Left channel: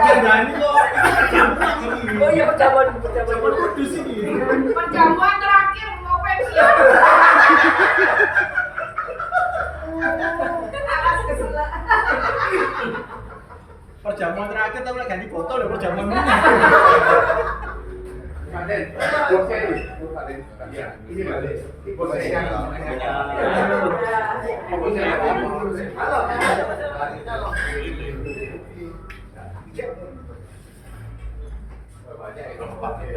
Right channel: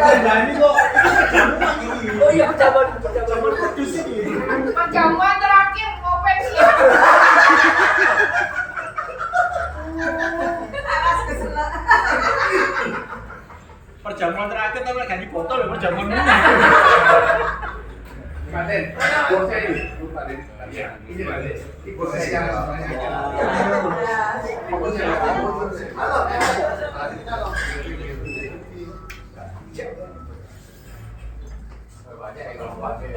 Ini kok ini. Oh iya, perjamuan Kudus ini. Perjamuan terakhir mau pensiun. alas kesela. Perjamuan terakhir tapi ganti botol ya perjamuan ini. Kaden, bosnya ini. Ya, ini Kaden. Ini bosnya yang namanya. Bosnya yang halo. Halo. Banyak yang lompat ya.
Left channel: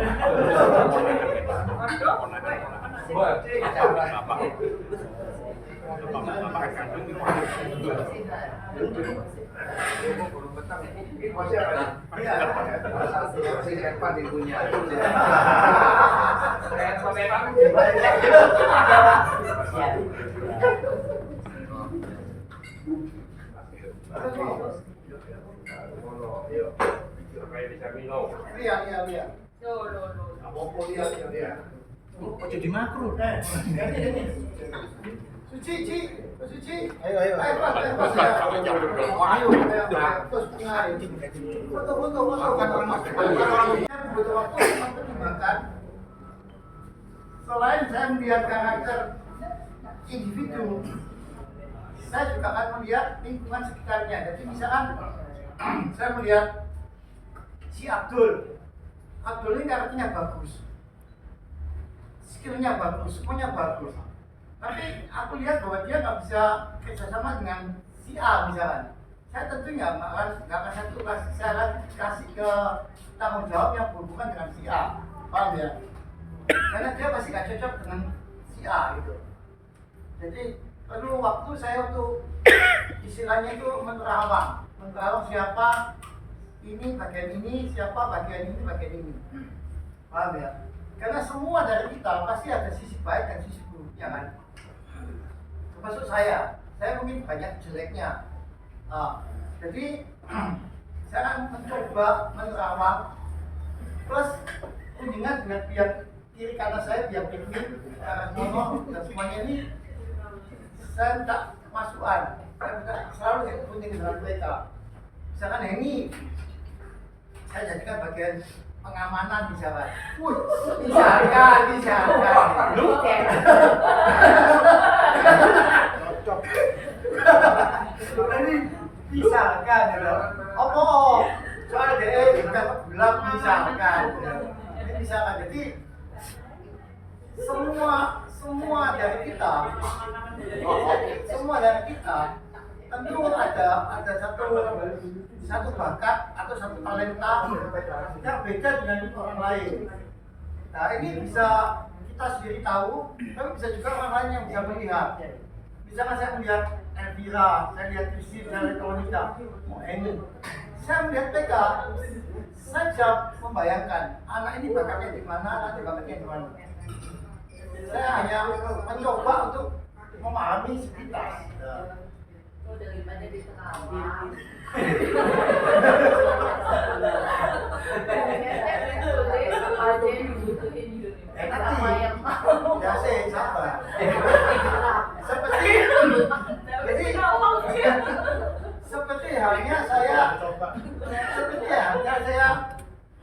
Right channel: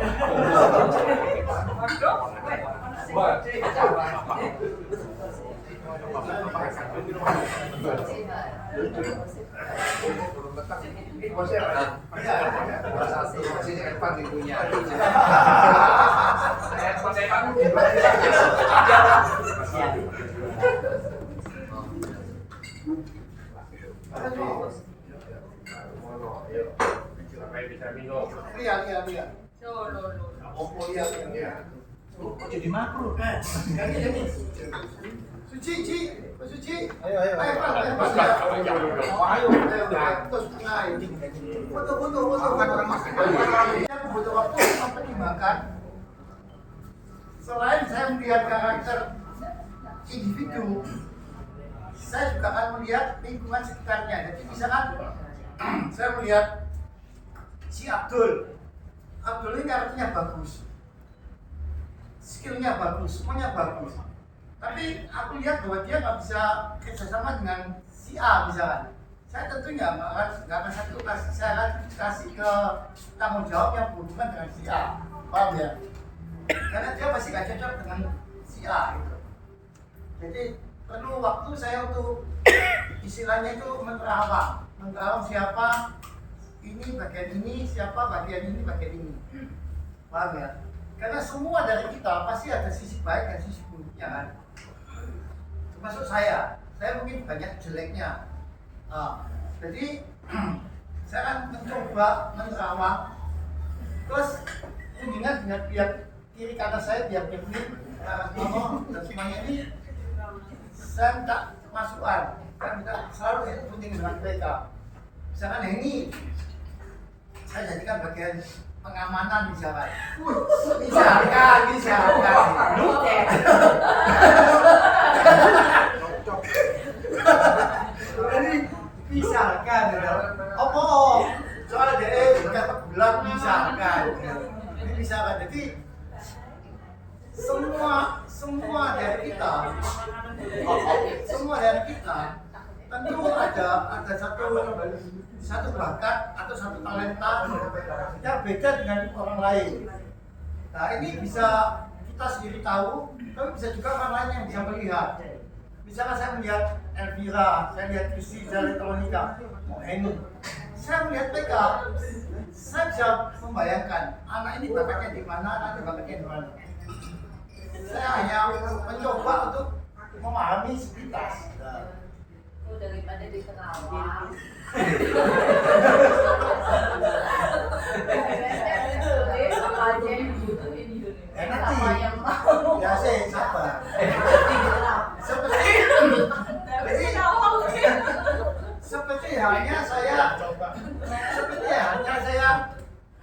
Ini bosnya apa? Saya Evan yang punya. Bisa minum. Lihat. Kok jadi makro kan? Suci. Ayo. Terus foto. Saya butuh waktu mempertimbangkan. Selain saya melihat karakter individu, saya juga akan melihat lingkungan sekitarnya. Jadi misalkan saya melihat si Abdul ini karakternya bagus, skillnya bagus, semuanya bagus. Tapi aku lihat bahwa dia nggak bisa kerjasama dengan si A misalkan. Saya tentunya nggak akan saya kasih ke tanggung jawab yang berhubungan dengan si A, paham ya? Karena dia pasti nggak cocok dengan si A gitu. Jadi perlu waktu saya untuk istilahnya itu menerawang siapa ini bagian ini, siapa bagian ini, paham ya? Karena semua dari kita pasti ada sisi baik dan sisi buruknya kan. Termasuk saya mungkin banyak jeleknya. Nah, jadi saya akan mencoba menerawang plus kunjungan dengan pihak kiri kanan saya, pihak pikir, arah mono dan semuanya ini saya minta masukan. Saya minta selalu kunjungi dengan mereka. Misalkan ini saya jadikan bagian pengamanan misalkan. Misalkan. Ini misalkan ya. Soalnya dia bukan bulan misalkan. Ini misalkan. Jadi semua dari kita tentu ada satu bakat atau satu talenta yang beda dengan orang lain. Nah ini bisa kita sendiri tahu, tapi bisa juga orang lain yang bisa melihat. Misalkan saya melihat Elvira, saya lihat Kristi, saya lihat Monica, ini, saya melihat mereka, saya bisa membayangkan anak ini bakatnya di mana, anak ini bakatnya di mana. Saya hanya mencoba untuk memahami sepintas. Daripada diterawang. Nanti ya saya sabar. Seperti halnya saya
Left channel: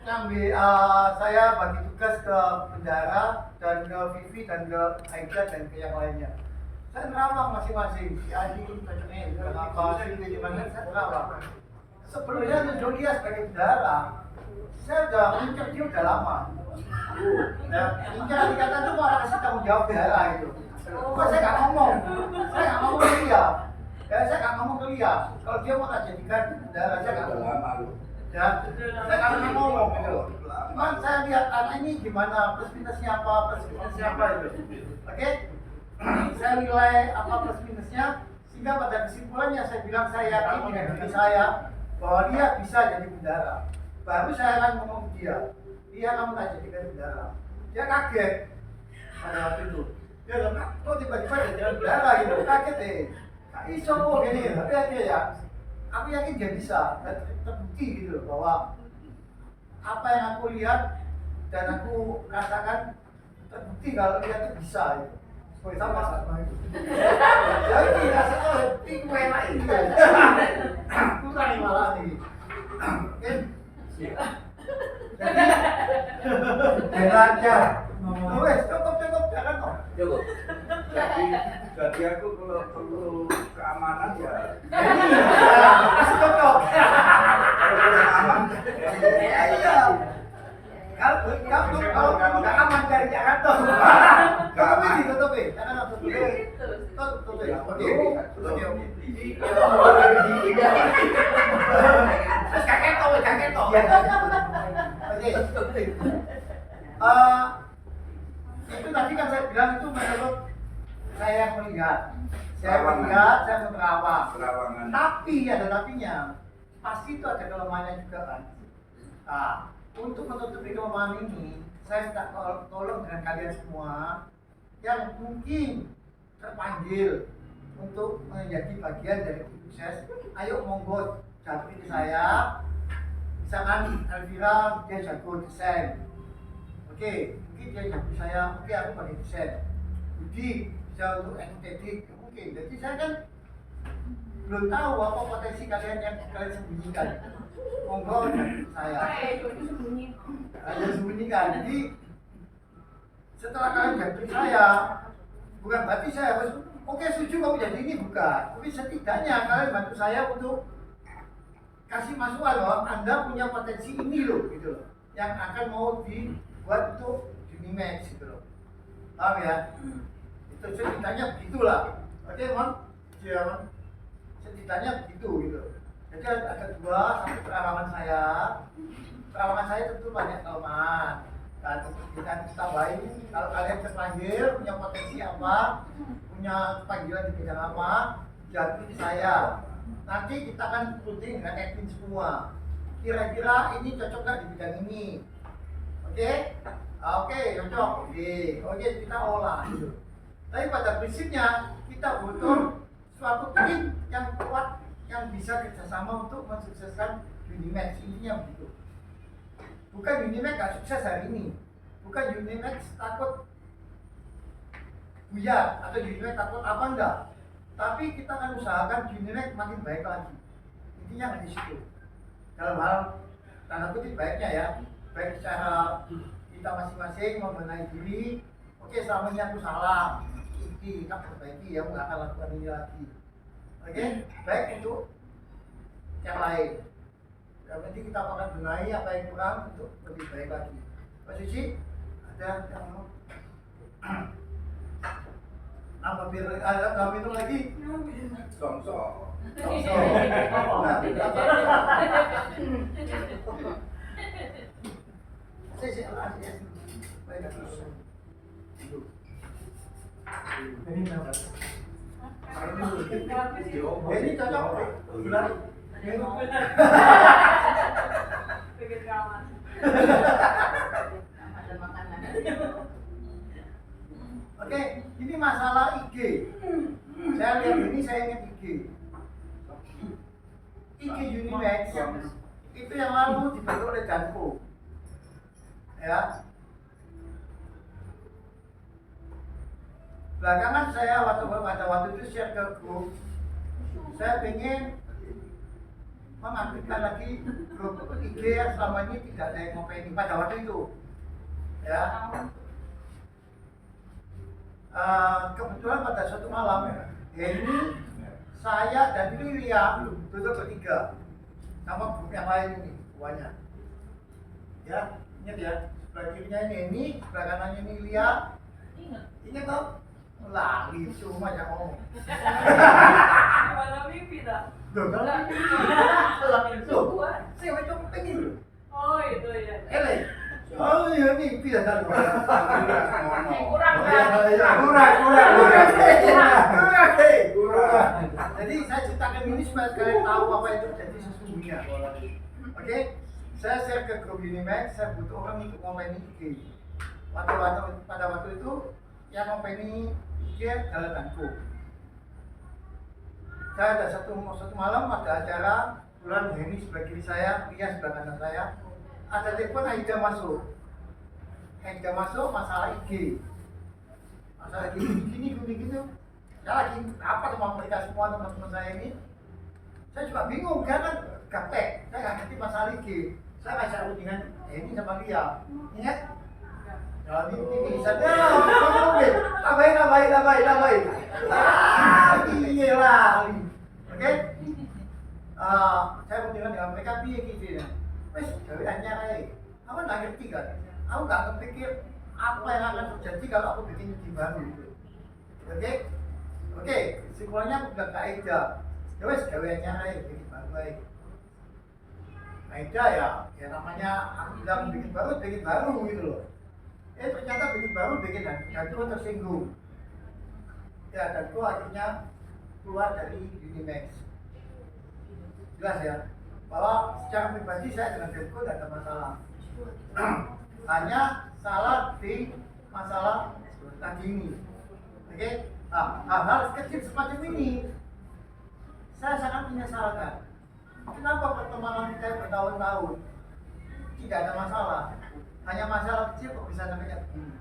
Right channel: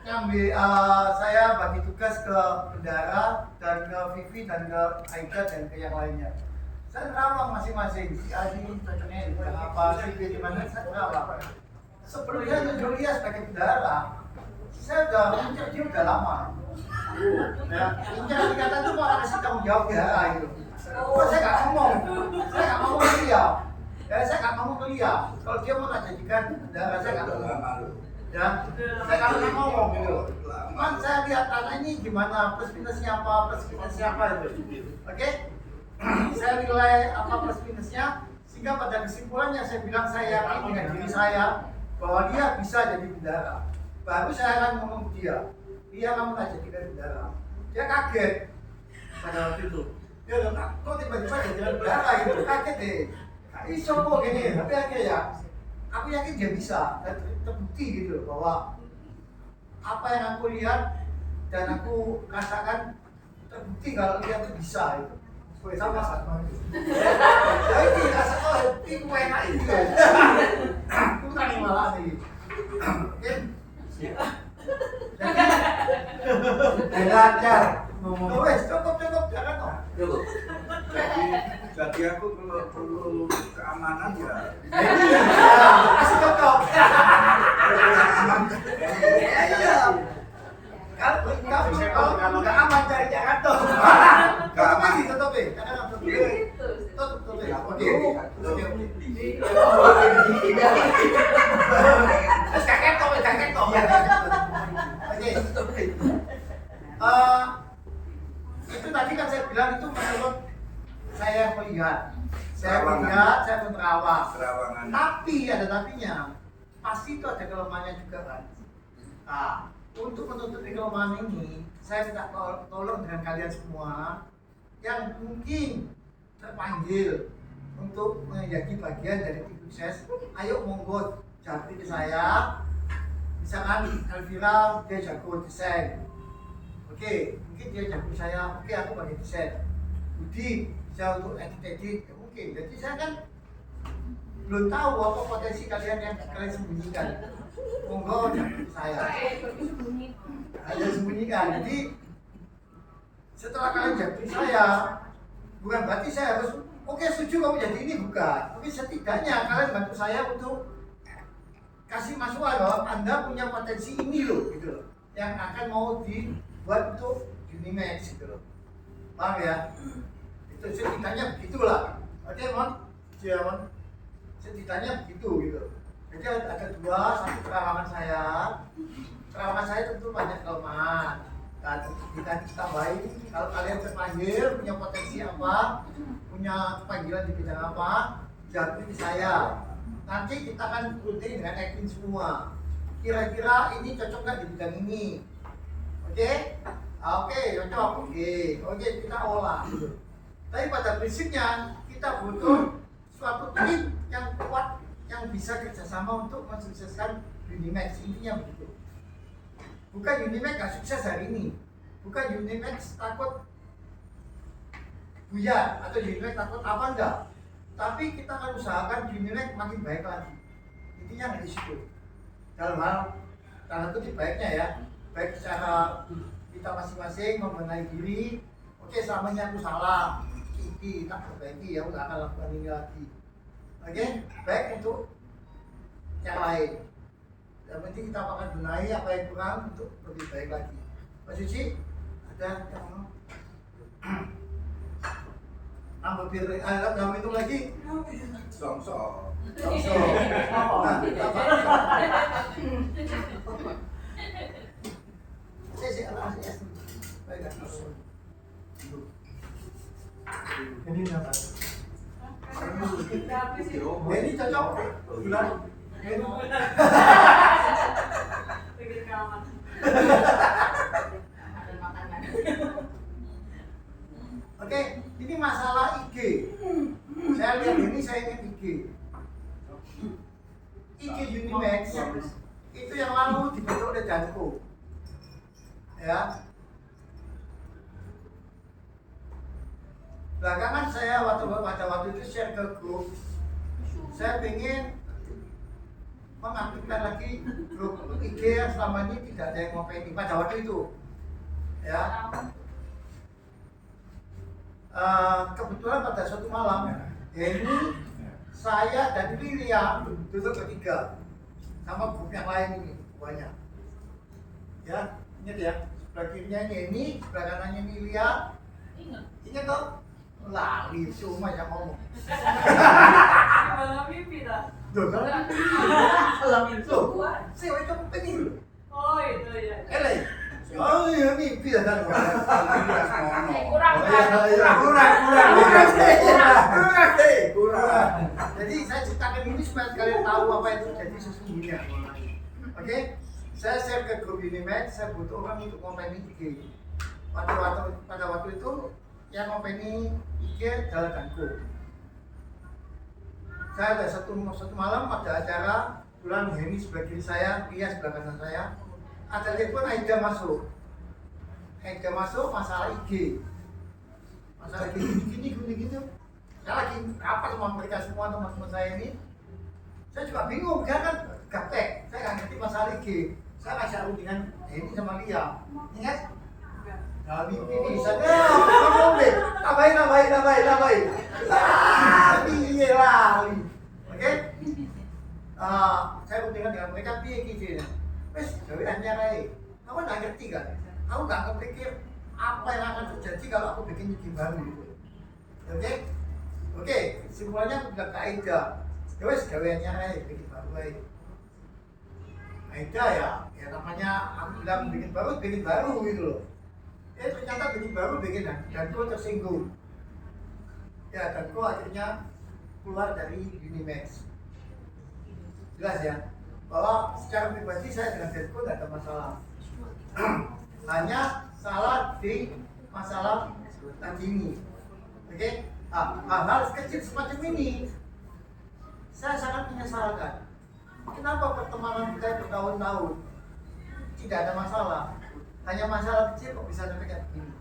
ngambil saya bagi tugas ke bendara dan ke Vivi dan ke Aida dan ke yang lainnya. Saya nerawang masing-masing, si Adi cocoknya di bidang apa, si B di mana, saya nerawang. Sebelum dia nunjuk dia sebagai bendara, saya udah mengincar dia udah lama. Ya, incar dikata itu malah kasih tanggung jawab bendara itu. Saya nggak ngomong ke dia. Saya nggak ngomong ke dia. Kalau dia mau tak jadikan bendara, saya nggak ngomong. Ya, saya nggak pernah ngomong gitu. Cuman saya lihat anak ini gimana, plus minusnya apa itu. Oke? Saya nilai apa plus minusnya, sehingga pada kesimpulannya saya bilang saya yakin dengan diri saya bahwa dia bisa jadi bendara. Baru saya akan ngomong ke dia kamu tak jadikan bendara. Dia kaget pada waktu itu. Dia bilang, kok tiba-tiba jadi bendara gitu, kaget deh. Kak iso kok gini, tapi akhirnya ya, aku yakin dia bisa dan terbukti gitu bahwa apa yang aku lihat dan aku rasakan terbukti kalau dia tuh bisa gitu. Sama itu. Ya ini rasanya itu enak ini kan. Kurang malah nih. Jadi aku kalau perlu keamanan ya Ini ya, masih cocok. aman. Iya. Kalau nggak aman cari Jakarta. aman. Tutup ya, jangan tutup ya. Gitu sih. Tutup ya. Oke. Terus kakek toh. Oke. Itu tadi kan saya bilang itu menurut saya melihat, saya menerawang. Terawangan. Tapi ada tapinya, pasti itu ada kelemahannya juga kan. Nah, untuk menutupi kelemahan ini, saya minta tolong dengan kalian semua yang mungkin terpanggil untuk menjadi bagian dari tim sukses. Ayo monggo japri ke saya. Misalkan Elvira dia jago desain. Oke, mungkin dia jago saya. Oke, aku bagi desain. Budi bisa untuk estetik. Ya, mungkin. Jadi saya kan belum tahu apa potensi kalian yang kalian sembunyikan. Monggo japri saya. Ada sembunyikan. Jadi setelah kalian japri saya, bukan berarti saya harus oke setuju kamu jadi ini, bukan. Tapi setidaknya kalian bantu saya untuk kasih masukan loh, Anda punya potensi ini loh, gitu loh, yang akan mau dibuat untuk Unimax gitu loh. Paham ya? Itu setidaknya begitulah. Oke, Mon? Ya, Mon? Setidaknya begitu gitu. Jadi ada dua, satu terawangan saya. Terawangan saya tentu banyak kelemahan. Dan kita tambahin, kalau kalian terpanggil, punya potensi apa, punya panggilan di bidang apa, jadi di saya. Nanti kita akan rutin dengan Edwin semua. Kira-kira ini cocok nggak di bidang ini? Oke? Oke, cocok. Oke, kita olah. Gitu. Tapi pada prinsipnya kita butuh suatu tim yang kuat yang bisa kerjasama untuk mensukseskan Unimax. Intinya begitu. Bukan Unimax nggak sukses hari ini. Bukan Unimax takut buyar atau Unimax takut apa enggak. Tapi kita akan usahakan Unimax makin baik lagi. Intinya di situ. Dalam hal tanda kutip baiknya ya, baik secara kita masing-masing membenahi diri. Oke, selama ini aku salah, ini tak perbaiki, aku nggak akan lakukan ini lagi. Oke, baik untuk yang lain. Yang penting kita akan benahi apa yang kurang untuk lebih baik lagi. Pak Suci, ada yang mau? Nambah biar dalam itu lagi. Songsong. Nah, ini apa? Ini cocok bulan. Oke, ini masalah IG. Saya lihat ini, saya ingat IG. IG Unimax itu yang lalu dibentuk oleh Janko. Ya. Belakangan saya pada waktu itu share ke grup. Saya ingin mengaktifkan lagi grup IG yang selama ini tidak ada yang ngopeni pada waktu itu. Ya. Kebetulan pada suatu malam ini saya dan Lilia duduk bertiga sama grup yang lain ini banyak. Ya, ingat ya, sebelah kirinya ini, sebelah kanannya ini Lilia. Ingat toh? Lali cuma yang ngomong. Malam mimpi dah. Tuh kan? Malam mimpi. Tuh, saya mau coba pengen. Oh itu ya. Ele. Oh iya mimpi dah kan. Kurang. Kurang. Jadi saya ceritakan ini supaya kalian tahu apa itu jadi sesungguhnya. Oke? Saya share ke grup Unimax, saya butuh orang untuk ngomongin IG. Pada waktu itu yang ngomongin IG adalah Danko. Saya ada satu malam ada acara, bulan Henny sebelah kiri saya, Pia sebelah kanan saya. Ada telepon Aida masuk. Aida masuk masalah IG. Masalah gini. Saya lagi apa sama mereka semua teman-teman saya ini. Saya juga bingung, dia kan gaptek. Saya nggak ngerti masalah IG. Saya nggak tahu dengan Henny sama Lia. Ingat? mimpi bisa. Ngomongin. Tambahin. Iya lah. Oke? Saya bertanya dengan mereka piye gitu. Wes, gawe anyar ae. Aku nggak ngerti kan. Aku nggak kepikir apa yang akan terjadi kalau aku bikin ide baru gitu. Oke, kesimpulannya aku bilang ke Aida. Ya wes, gawe anyar ae, bikin baru ae. Aida ya namanya aku bilang bikin baru gitu loh. Ternyata bikin baru bikin Danko tersinggung. Ya, Danko akhirnya keluar dari Unimax. Jelas ya, bahwa secara pribadi saya dengan Danko tidak ada masalah. Hanya salah di masalah tadi ini. Oke? Hal-hal kecil semacam ini saya sangat menyesalkan. Kenapa pertemanan kita bertahun-tahun tidak ada masalah? Hanya masalah kecil kok bisa sampai kayak begini.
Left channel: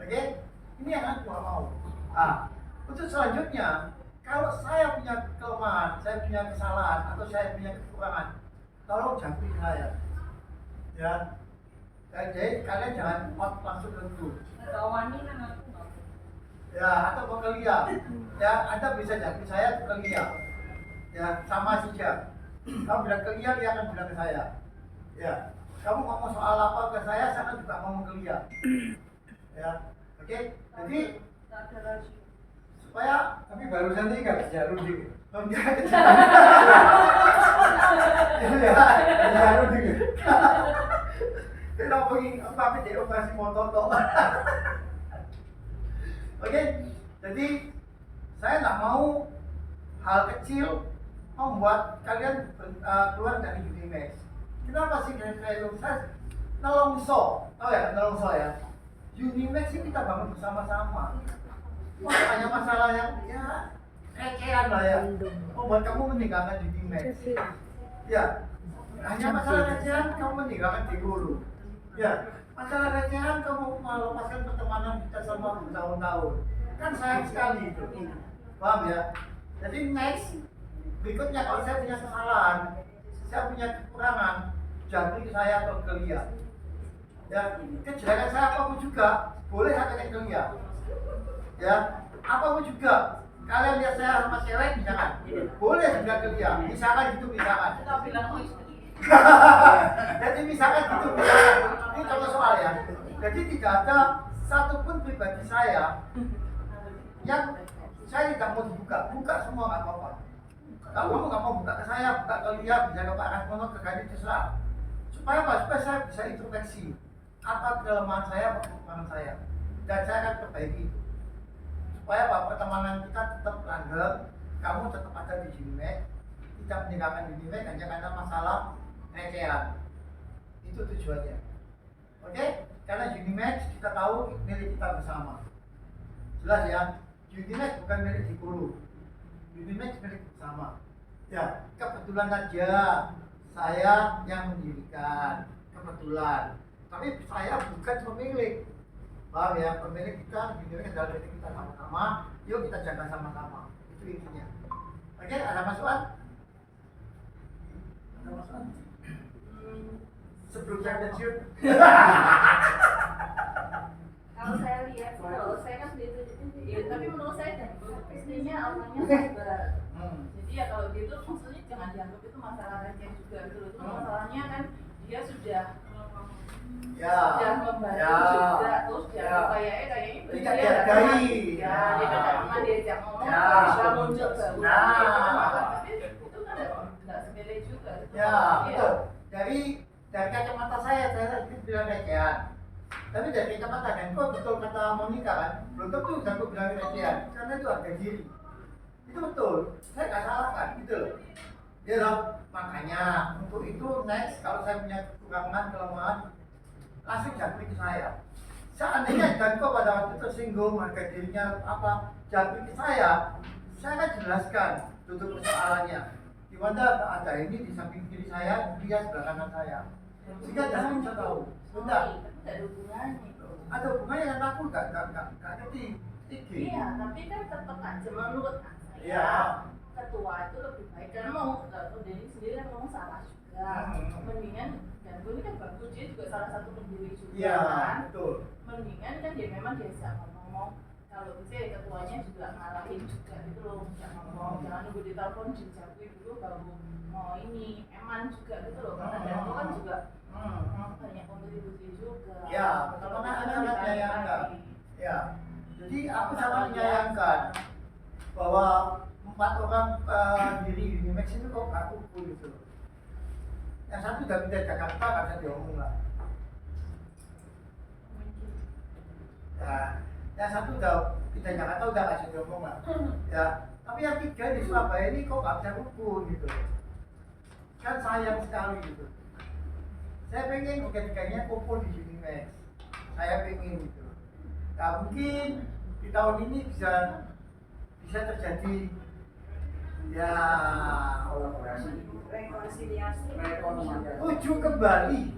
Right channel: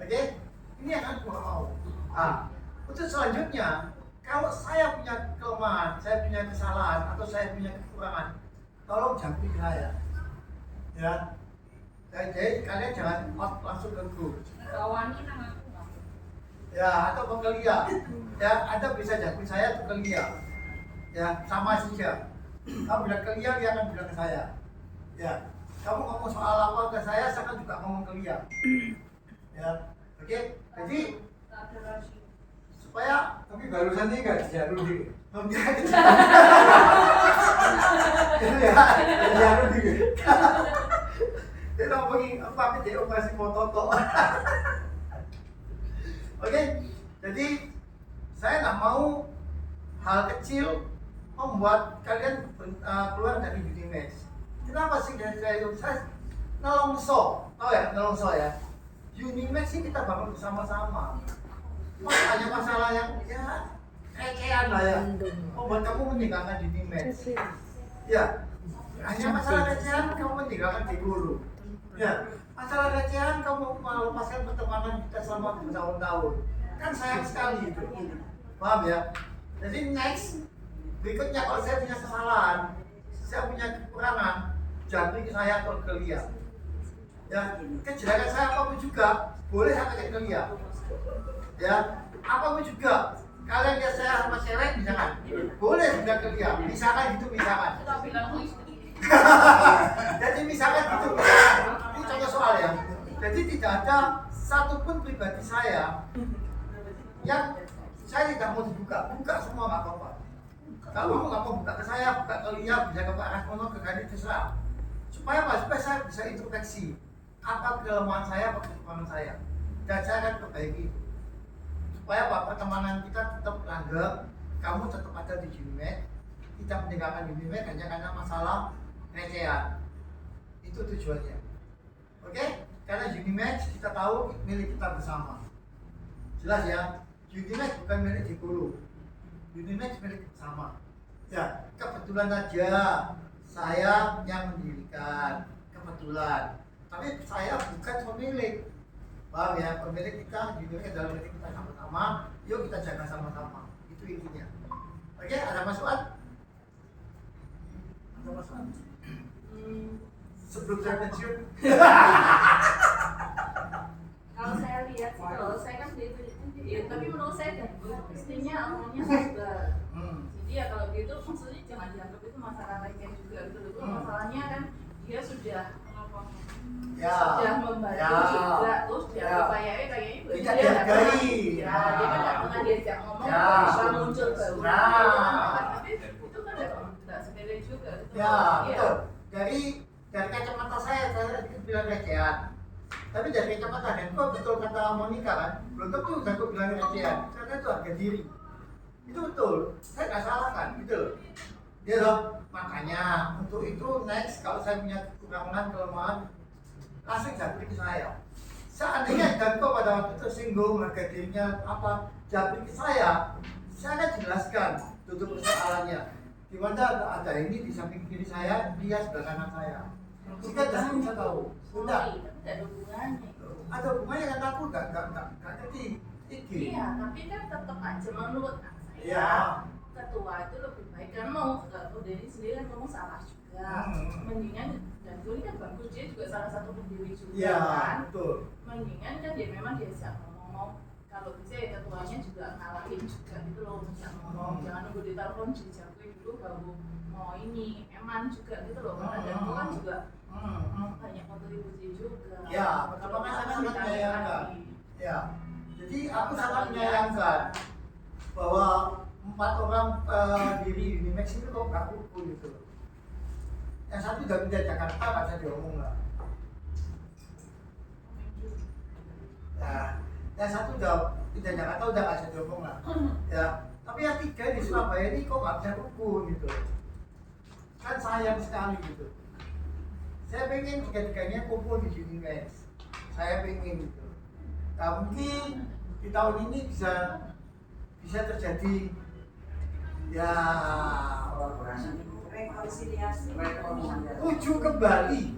Oke? Ini yang aku gak mau. Untuk selanjutnya, kalau saya punya kelemahan, saya punya kesalahan, atau saya punya kekurangan, tolong jangkiti saya. Ya. Jadi kalian jangan out langsung ke grup. Kawani nang aku. Ya, atau ke Lia. Ya, Anda bisa jangkiti saya atau ke Lia. Ya, sama saja. Kamu bilang ke Lia, Lia akan bilang ke saya. Ya. Kamu ngomong soal apa ke saya kan juga ngomong ke Lia. Ya, oke. Jadi supaya Tapi barusan ini nggak dijarur dikit. menjaga Dijarur dikit. kita ngomongin apa di operasi mototo. Oke, jadi saya nggak mau hal kecil membuat kalian keluar dari Unimax. Kenapa sih saya nelongso, tahu ya nelongso ya? Unimax sih kita bangun bersama-sama. Hanya masalah yang ya recehan lah ya, membuat kamu meninggalkan Unimax. Ya, hanya masalah recehan kamu meninggalkan Diguru. Ya, masalah recehan kamu melepaskan pertemanan kita selama bertahun-tahun. Kan sayang sekali itu. Paham ya? Jadi next berikutnya kalau saya punya kesalahan, saya punya kekurangan, jangan ke saya atau ke Lia. Ya, kejelekan saya apapun juga boleh saya pakai ke Lia. Ya, apapun juga. Kalian lihat saya sama cewek misalkan, boleh juga ke Lia. Misalkan gitu misalkan. Kita bilang oh istri. Jadi misalkan gitu misalkan. Ini contoh soal ya. Jadi tidak ada satupun pribadi saya yang saya tidak mau dibuka. Buka semua nggak apa-apa. Kalau kamu nggak mau buka ke saya, buka ke Lia, bisa ke Pak Rasmono, ke Gani, terserah. Supaya apa? Supaya saya bisa introspeksi apa kelemahan saya, apa kekurangan saya, dan saya akan perbaiki itu. Supaya apa? Pertemanan kita tetap langgeng, kamu tetap ada di Unimax, kita meninggalkan Unimax hanya karena masalah recehan. Itu tujuannya. Oke? Karena Unimax kita tahu milik kita bersama. Jelas ya? Unimax bukan milik Diguru. Unimax milik bersama. Ya, kebetulan aja saya yang mendirikan, kebetulan. Tapi saya bukan pemilik. Paham ya? Pemilik kita, Unimax adalah milik kita sama-sama. Yuk kita jaga sama-sama. Itu intinya. Oke, ada masukan? Ada masukan? Sebelum saya pensiun. Kalau saya lihat sih, kalau saya kan itu ya, tapi menurut saya dan istrinya awalnya sabar. Jadi ya kalau gitu maksudnya jangan dianggap itu masalah receh juga gitu loh. Itu masalahnya kan dia sudah membantu juga, terus dianggap kayaknya tidak dihargai. Ya, dia kan nggak pernah diajak ngomong, bisa muncul baru. Tapi itu kan nggak sepele juga. Ya, betul. Dari kacamata saya bilang recehan. Tapi dari kacamata Denko betul kata Monica kan, belum tentu Denko bilang recehan, karena itu harga diri. Itu betul, saya nggak salah kan, gitu loh. Ya loh, makanya untuk itu next kalau saya punya kekurangan, kelemahan, langsung jangkrik ke saya. Seandainya Denko pada waktu itu tersinggung, harga dirinya apa, jangkrik ke saya akan jelaskan duduk persoalannya. Di mana ada ini di samping kiri saya, dia sebelah kanan saya. Jika Denko bisa tahu, Tapi tidak ada hubungannya. ada hubungannya kan aku nggak ngerti. Iya, tapi kan tetap aja menurut saya. Iya. ketua itu lebih baik karena mau Denny sendiri kan ngomong salah juga. Mendingan dan ini kan bagus, dia juga salah satu pendiri juga kan. Betul. Mendingan kan dia memang diajak ngomong, kalau bisa ya ketuanya juga ngalahin juga gitu loh, bisa ngomong, jangan nunggu ditelepon dijawabin dulu baru mau ini eman juga gitu loh, karena dan itu kan juga banyak kontribusi juga. Ya, kalau pertama misalkan sangat ditarik menyayangkan. lagi. Ya, jadi aku sangat menyayangkan bahwa 4 orang diri Unimax itu kok gak kumpul gitu loh. Yang satu udah pindah Jakarta, gak bisa diomong lah. Ya, yang satu udah pindah Jakarta, udah gak bisa diomong lah. Ya, tapi yang 3 di Surabaya ini kok gak bisa kumpul gitu. Kan sayang sekali gitu. Saya pengen 3-3-nya kumpul di Unimax. Saya pengen gitu. Nah, mungkin di tahun ini bisa terjadi ya rekonsiliasi ujuk kembali.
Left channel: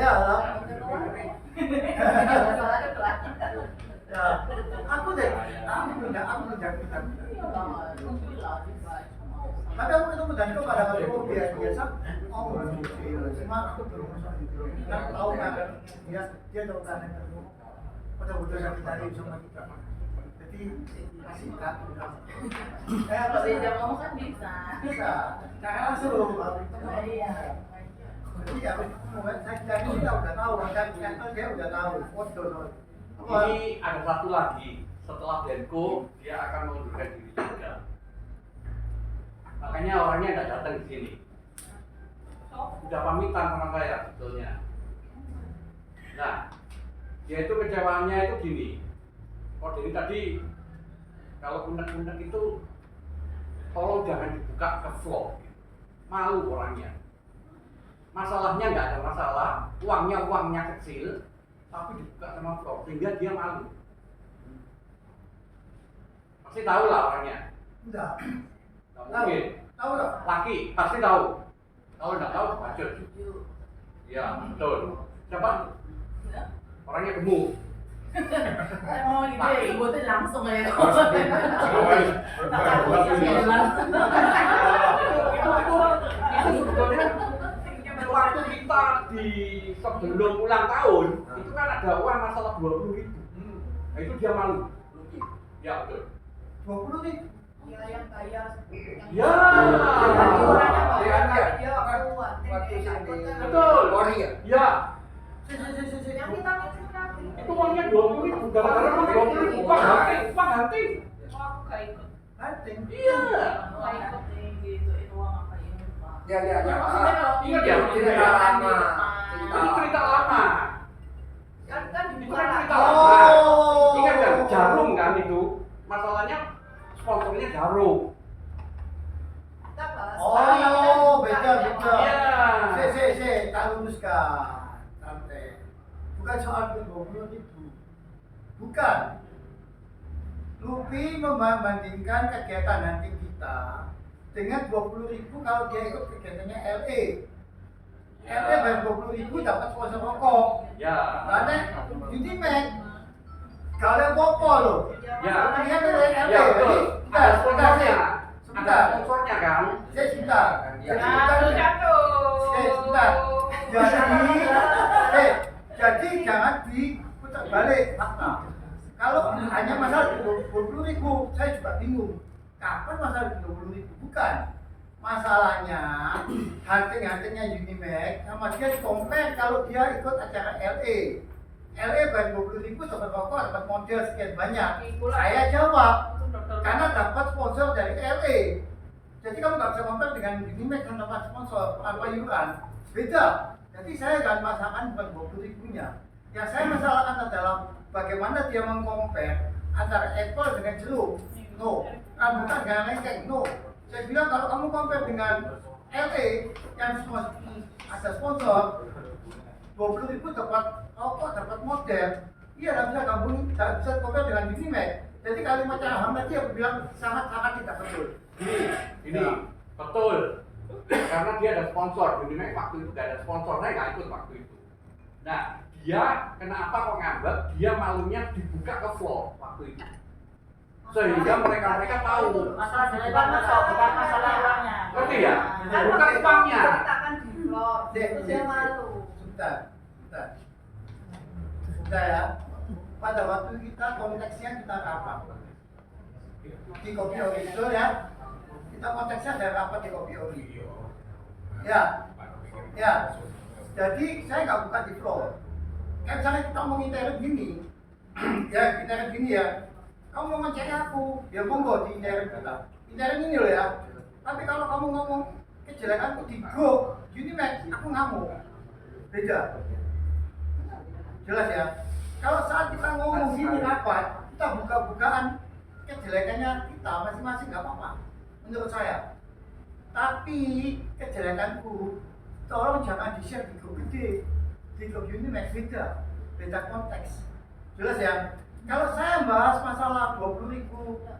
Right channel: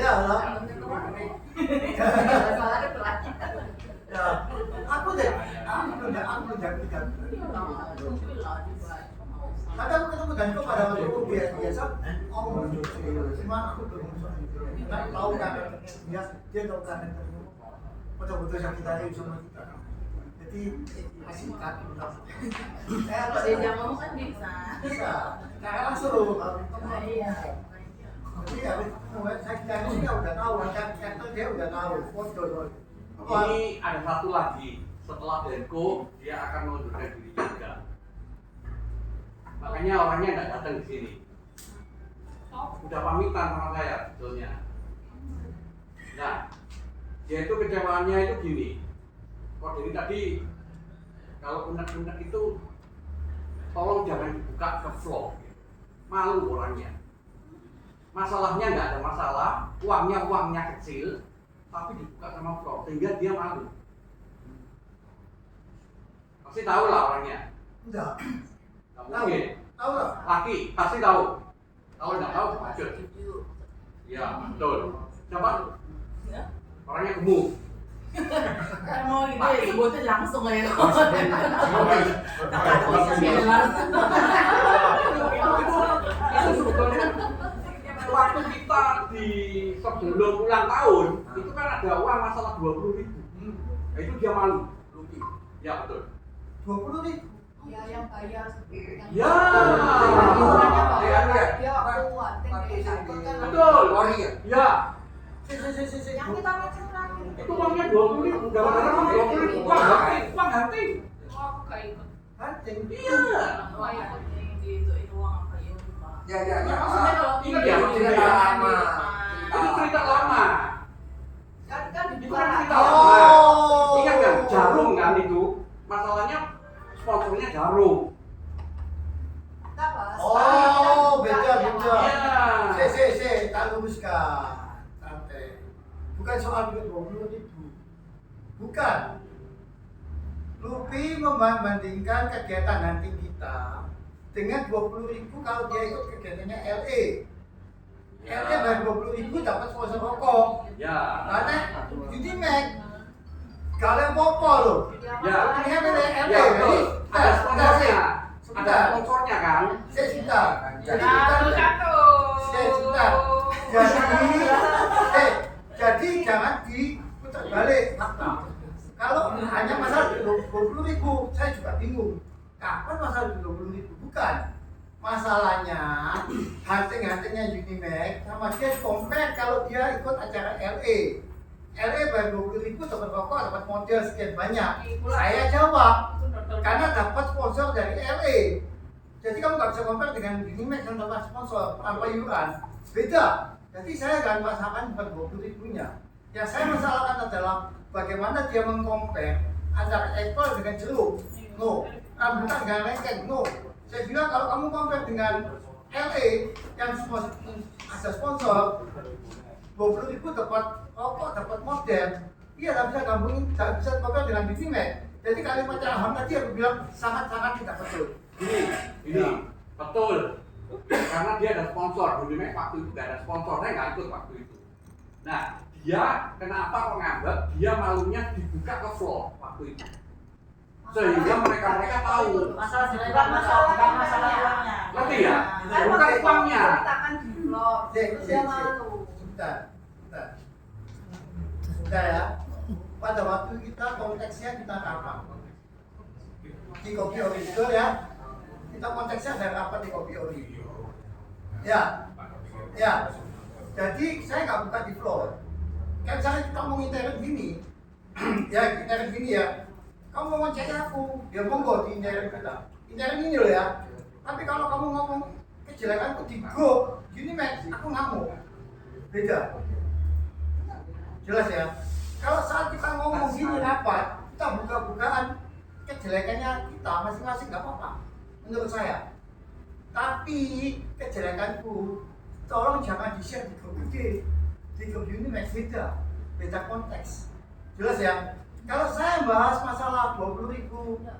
Ya lah. Ya, aku belum kita. Tapi aku ketemu Danko pada waktu itu biasa, cuma aku belum nggak tahu kan dia tahu kan betul-betul sakit hati sama kita. Jadi masih kaku. Kalau dia ngomong kan bisa. Karena langsung kalau ketemu. Iya. Jadi habis ketemu saya dia udah tahu, kan dia udah tahu foto. Ini ada satu lagi, setelah Denko dia akan mengundurkan diri juga. Makanya orangnya nggak datang di sini. Udah pamitan sama saya sebetulnya. Nah, dia itu kecewaannya itu gini. Oh, jadi tadi kalau unek-unek itu tolong jangan dibuka ke vlog. Malu orangnya. Masalahnya nggak ada masalah, uangnya kecil, tapi dibuka sama vlog sehingga dia malu. Pasti tahu lah orangnya. Enggak. Tahu. Tahu lah. Laki pasti tahu. Kalau nggak tahu bacot. Iya betul. Siapa? Orangnya gemuk. Mau gitu ya sebutin langsung aja. Itu sebetulnya waktu kita di sebelum ulang tahun itu kan ada uang masalah 20.000. Nah itu dia malu. Ya betul. 20.000. Ya yang bayar. Ya. Betul. Ori ya? Ya. Yang kita mention lagi. Itu uangnya 20.000. Gambaran 20.000. Uang hati. Oh, aku gak ikut. Hunting. Iya. Wah ikut gitu itu uang apa ya Pak? Ya. Maksudnya kalau Iya, cerita lama. Itu cerita lama. Kan Itu dibuka kan lagi. cerita Oh. lama. Ingat kan Jarum kan itu. Masalahnya sponsornya Jarum. Kita bahas. Oh, beda. Iya. Tak luruskan. Santai. Bukan soal duit 20.000. Bukan. Lupi membandingkan kegiatan hunting kita dengan 20.000 kalau dia ikut kegiatannya LA. LA bayar 20.000 dapat sponsor rokok. Ya. Karena Unimax kalian popo loh. Ya. Ini kan LA. Ya, betul. Ada sponsornya. Sebentar. Ada sponsornya kan? Saya sebentar. Jadi Satu. sebentar. Jadi jangan diputar balik fakta. Kalau hanya masalah 20.000, saya juga bingung. Kapan masalah 20.000? Bukan. Masalahnya hunting-huntingnya Unimax sama dia compare kalau dia ikut acara LA. LA bayar 20.000 dapat rokok, dapat model sekian banyak. Saya jawab karena dapat sponsor dari LA. Jadi kamu nggak bisa compare dengan Unimax yang dapat sponsor tanpa iuran. Beda. Jadi saya akan masalahkan bukan 20.000-nya. Yang saya masalahkan adalah bagaimana dia mengcompare antara apple dengan jeruk. No. Rambutan dengan lengkeng. No. Saya bilang kalau kamu compare dengan LA yang ada sponsor 20.000 dapat rokok, dapat model. Iya, nggak bisa gabungin, nggak bisa compare dengan Unimax. Jadi kalimat Aham tadi aku bilang sangat-sangat tidak betul. Ini betul. Karena dia ada sponsor, Unimax waktu itu nggak ada sponsor, saya nggak ikut waktu itu. Nah, dia kenapa kok ngambek? Dia malunya dibuka ke vlog waktu itu. sehingga mereka tahu. Masalah bukan masalah uangnya. Ngerti ya? Kan Bukan waktu itu uangnya. diceritakan di vlog, terus dia malu. Sebentar. Sebentar ya. Pada waktu kita konteksnya kita rapat di Kopi Ori itu ya. Kita konteksnya ada rapat di Kopi Ori. Ya. Jadi saya nggak buka di floor. Kan saya kita mau interact gini. Ya, interact gini ya. Kamu mau ngecek aku, ya monggo di interact kita. Interact ini loh ya. Tapi kalau kamu ngomong kejelekanku di grup, gini Max, aku ngamuk. Beda. Jelas ya. Kalau saat kita ngomong gini rapat, kita buka-bukaan kejelekannya kita masing-masing nggak apa-apa. Menurut saya. Tapi kejelekanku, tolong jangan di-share di grup gede. Di grup Unimax beda konteks. Jelas ya. Kalau saya bahas masalah 20.000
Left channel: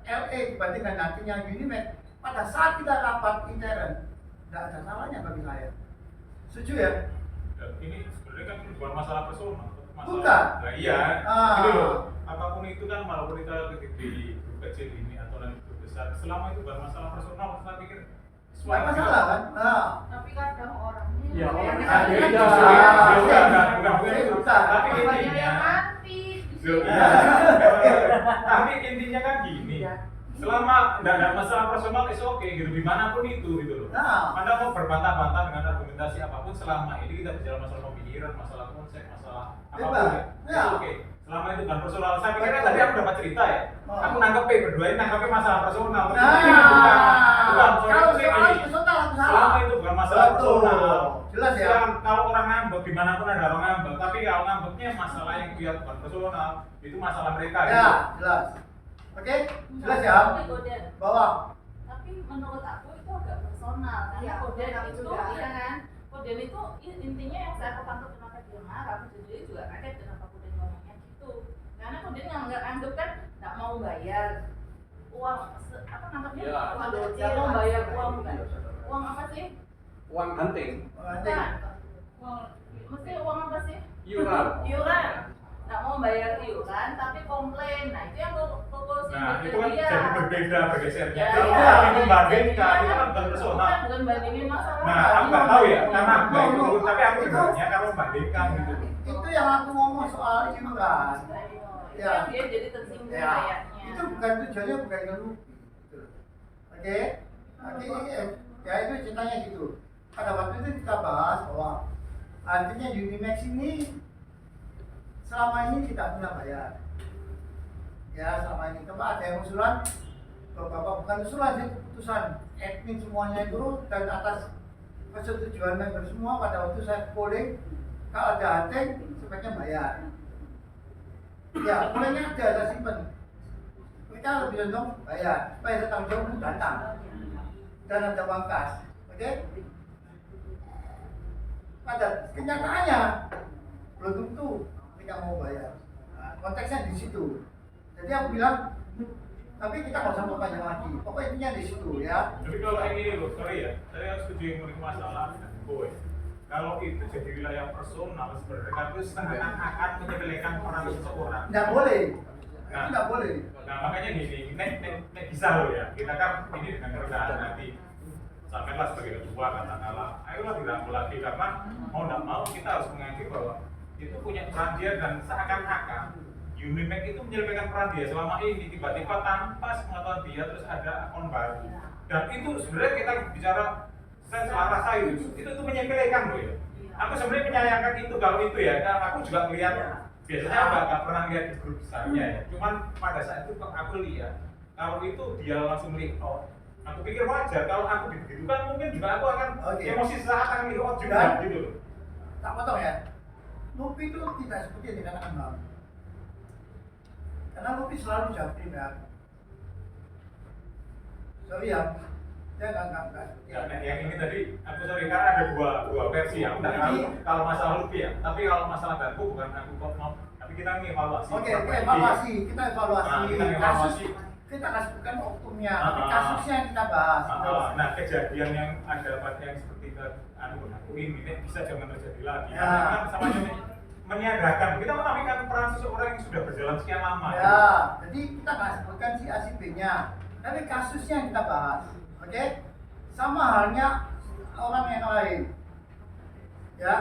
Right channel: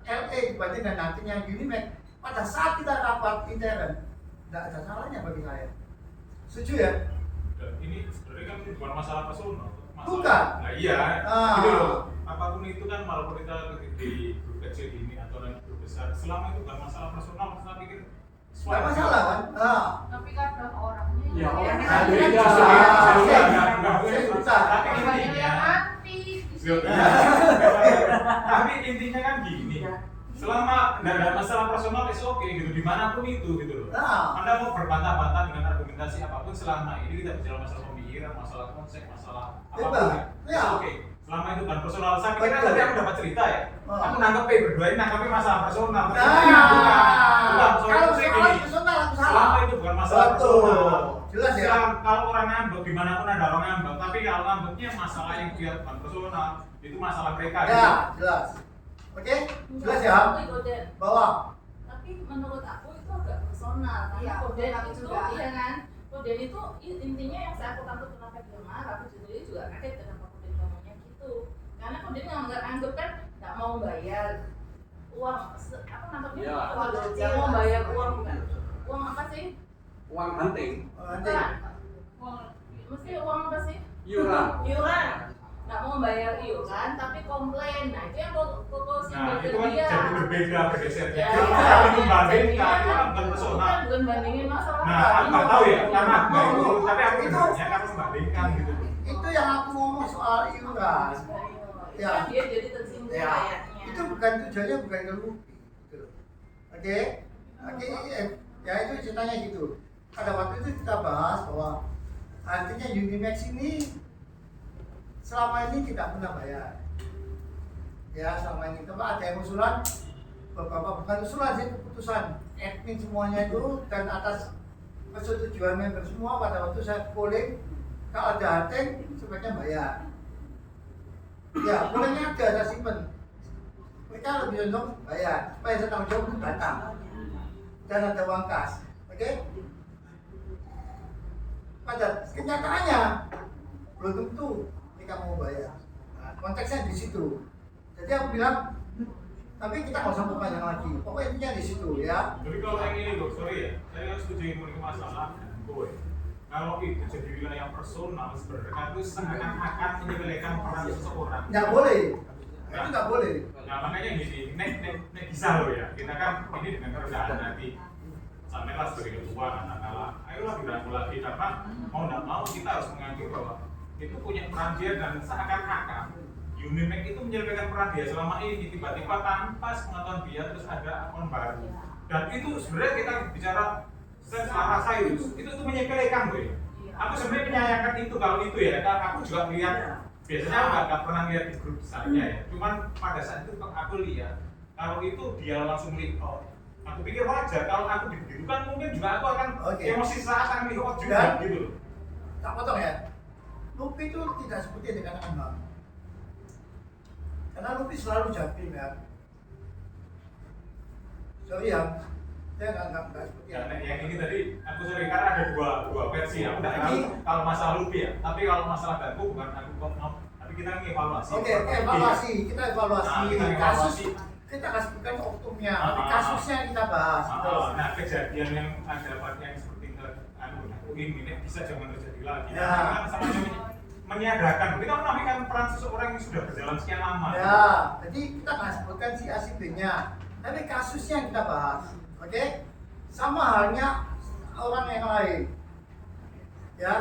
LE dibandingkan nantinya Unimax, pada saat kita rapat intern, nggak ada salahnya bagi saya. Setuju ya? Dan ini sebenarnya kan bukan masalah personal. Bukan. Nah iya, gitu loh. Apapun itu kan walaupun kita di grup kecil ini atau dalam grup besar, selama itu bukan masalah personal, saya pikir Nggak masalah kan? Tapi kadang orangnya Ya, yang orang kayak ada gitu. yang Tapi Banyak intinya, yang mati. tapi intinya kan gini. Selama nggak ada masalah personal, is oke gitu, dimanapun itu gitu loh. Anda mau berbantah-bantah dengan argumentasi apapun, selama ini kita bicara masalah pemikiran, masalah konsep, masalah apapun ya, Ya. is oke. Selama itu bukan personal, saya pikir Betul. tadi aku dapat cerita ya. Aku nangkep berdua ini nangkepnya masalah personal. Bukan Kalau soal soal ini. personal aku salah. Selama itu bukan masalah Betul. personal. Jelas ya. Kalau orang ngambek, dimanapun ada orang ngambek, tapi kalau ngambeknya masalah yang dia bukan personal, itu masalah mereka. Ya, gitu. jelas. Oke, jelas ya. Bahwa Tapi menurut aku itu agak personal. Iya, Karena Koden aku itu, juga. iya kan? Koden itu intinya yang saya tangkap kenapa dia marah, aku sendiri juga kaget kenapa Koden ngomongnya gitu. Karena Koden nggak anggap kan nggak mau bayar uang, apa nangkapnya? Iya. Nggak mau bayar uang bukan? Uang apa sih? Uang hunting, nanti Bukan. Mesti uang apa sih? iuran. Iuran. Nggak mau bayar iuran tapi komplain. Nah itu yang koko Nah, simpel itu kan dia. jadi berbeda bergesernya. Ya, Kalau iya. itu bandingkan, itu Jadinya kan bukan personal. bukan bandingin masalah. Nah, aku nggak tahu ya, karena aku nggak No, no. itu, tapi aku Itu- dengarnya karena membandingkan gitu. itu yang aku ngomong soal iuran. Ya. Ya. Dia jadi tersinggung Ya, kayaknya. itu bukan tujuannya bukan ngeluh. Gitu. Oke, ya itu ceritanya gitu. Pada waktu itu kita bahas bahwa artinya Unimax ini selama ini tidak pernah bayar. Ya, selama ini coba ada yang usulan, beberapa bukan usulan sih, keputusan admin semuanya itu dan atas persetujuan member semua pada waktu saya polling, kalau ada hunting sebaiknya bayar. Ya, pollingnya ada, saya simpen. Mereka lebih condong bayar, supaya saya tanggung jawab untuk datang dan ada uang kas. Oke? Pada kenyataannya belum tentu mereka mau bayar. Nah, konteksnya di situ. Jadi aku bilang, tapi kita nggak usah panjang lagi. Pokoknya intinya di situ ya. Tapi kalau yang ini loh, sorry ya, saya setuju yang memiliki masalah dan gue. Kalau itu jadi wilayah personal, sebenarnya itu seakan-akan menyepelekan peran seseorang. Nggak boleh. Nah. Itu nggak boleh. Nah makanya gini, nek bisa loh ya, kita kan ini dengan kerendahan hati. Sampailah sebagai ketua katakanlah, ayolah dirangkul lagi karena mau nggak mau kita harus mengakui bahwa itu punya peran dia dan seakan-akan Unimax itu menyelesaikan peran dia selama ini tiba-tiba tanpa sepengetahuan dia terus ada akun baru dan itu sebenarnya kita bicara saya rasa itu menyepelekan loh ya. Aku sebenarnya menyayangkan itu kalau itu ya, aku juga melihat biasanya nggak pernah lihat di grup besarnya ya. Cuman pada saat itu aku lihat kalau itu dia langsung melihat oh, aku pikir wajar kalau aku dibidukan mungkin juga aku akan emosi saat akan melihat juga gitu loh. Tak potong ya. Lupi itu tidak seperti yang dikatakan Bang. Karena Lupi selalu jampim ya. Sorry ya, saya nggak seperti Ya, nah, yang ini tadi aku sorry karena ada dua versi. Aku nggak tahu kalau masalah Lupi ya. Tapi kalau masalah Danku bukan aku mau. Tapi kita ngevaluasi. Oke, evaluasi. Kita evaluasi. Nah, kita Kasus evaluasi. kita kasih bukan oknumnya, tapi kasusnya yang kita bahas. Nah, kejadian yang ada pada yang seperti aku ini bisa jangan terjadi lagi. Ya. Karena kan sama menyiagakan, kita menampilkan peran seseorang yang sudah berjalan sekian lama. Ya, jadi kita nggak sebutkan si A si B-nya, tapi kasusnya yang kita bahas, oke? Sama halnya orang yang lain, ya,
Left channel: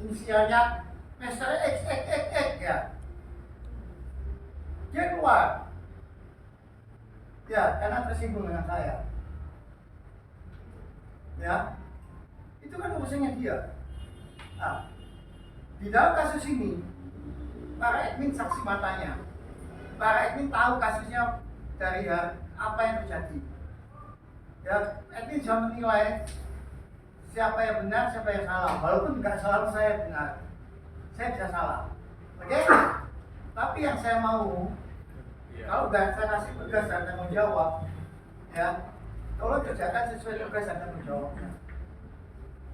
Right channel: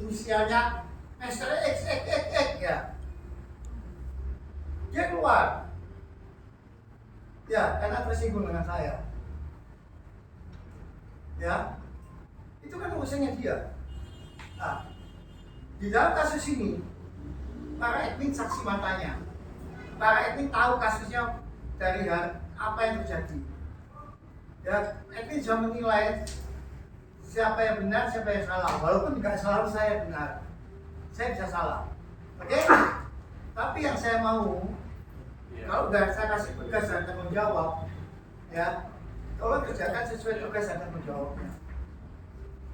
inisialnya Mr. X ya, dia keluar, ya, karena tersinggung dengan saya, ya, itu kan urusannya dia. Nah, di dalam kasus ini, para admin saksi matanya. Para admin tahu kasusnya dari apa yang terjadi. Ya, admin bisa menilai siapa yang benar, siapa yang salah. Walaupun tidak selalu saya benar, saya bisa salah. Oke? Tapi yang saya mau, kalau udah saya kasih tugas dan tanggung jawab, ya, tolong kerjakan sesuai tugas dan tanggung jawabnya.